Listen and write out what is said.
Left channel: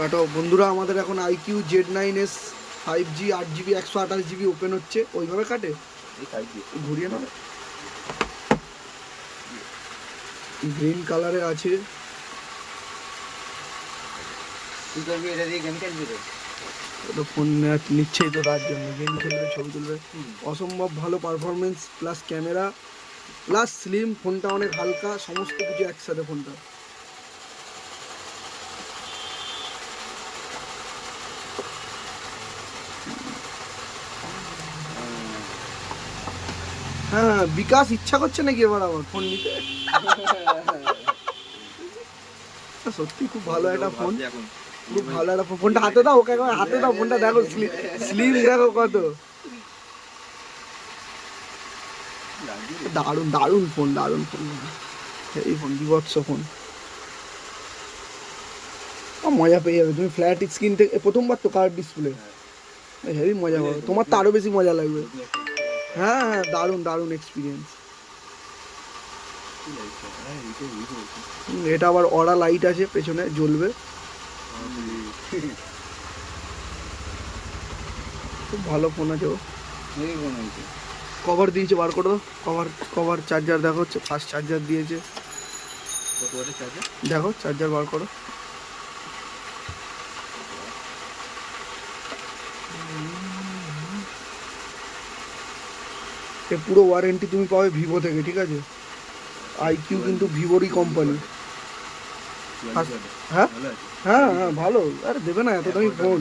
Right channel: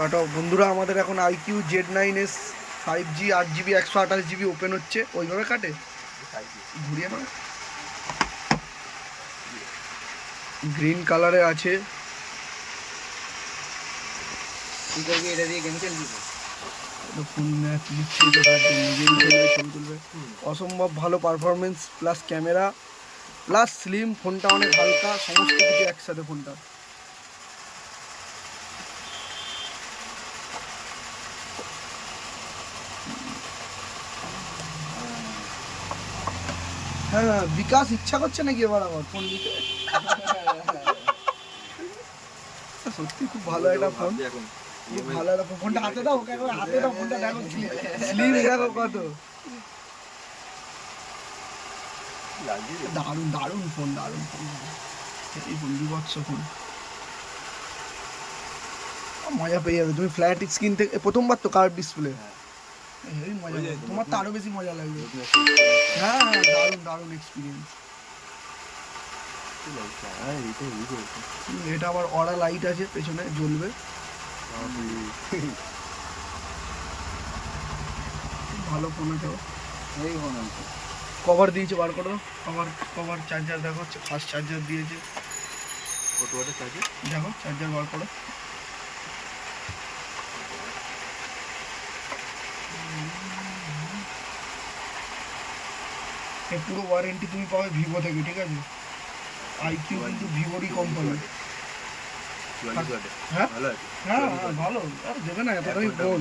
Cut off বন্ধুরা, আমাদের এখন IQ Z9s 5G 8GB 128GB open হচ্ছে। ওইভাবে কাটে ঘুরিয়ে না, গ্রিন কালারে আছে। ফোন নিচ্ছেই তো, তার জন্য গেম খেলবে, ছবি তুলবে। অসম্ভব ভালো performance plus camera plus slim, ফোনটা অনেক হালকা, সমস্ত কিছু একসাথে ফোনটা। হ্যাঁ, বিকাশ ইচ্ছা করছে নাকি এবার আবার ফোন নিতে? সত্যি খুব ভালো একটা ফোন, খুব ভালো একটা ফোন। ফোনটা হাতে দাও, ওকে একবার হাতে দাও ফোনটা, দেখো স্লিম দেখো কত দারুণ দারুণ ফোন, দারুণ ফোন, এই ফোন বিভৎস ফোন। মজা পেয়ে যাবে তুমি ফ্ল্যাট স্ক্রিন থেকে, প্রথমবার তো কার্ভ ডিসপ্লে, হেভি মজা পাবে, তোমার তো আরো বেশি মজা লাগবে। হ্যাঁ হ্যাঁ, দারুণ দারুণ এক্সপিরিয়েন্স। এটা আবার অরা লাইট আছে পেছনে, জ্বলবে, খুব ভালো ফোন আছে ও। কভার দিয়েছে, বার করো কভার, কভার চার্জার দেখো, ফাস্ট চার্জার দিয়েছে, দেখো চার্জার বার করো। পুরো ওয়ারেন্টি তুমি পাবে ভিভো থেকে, ঠিক আছে? আইকিউ কিন্তু ভিভোরই কোম্পানি। হ্যাঁ হ্যাঁ হ্যাঁ, ভালো, আরে দেবে না এত দামি ফোন।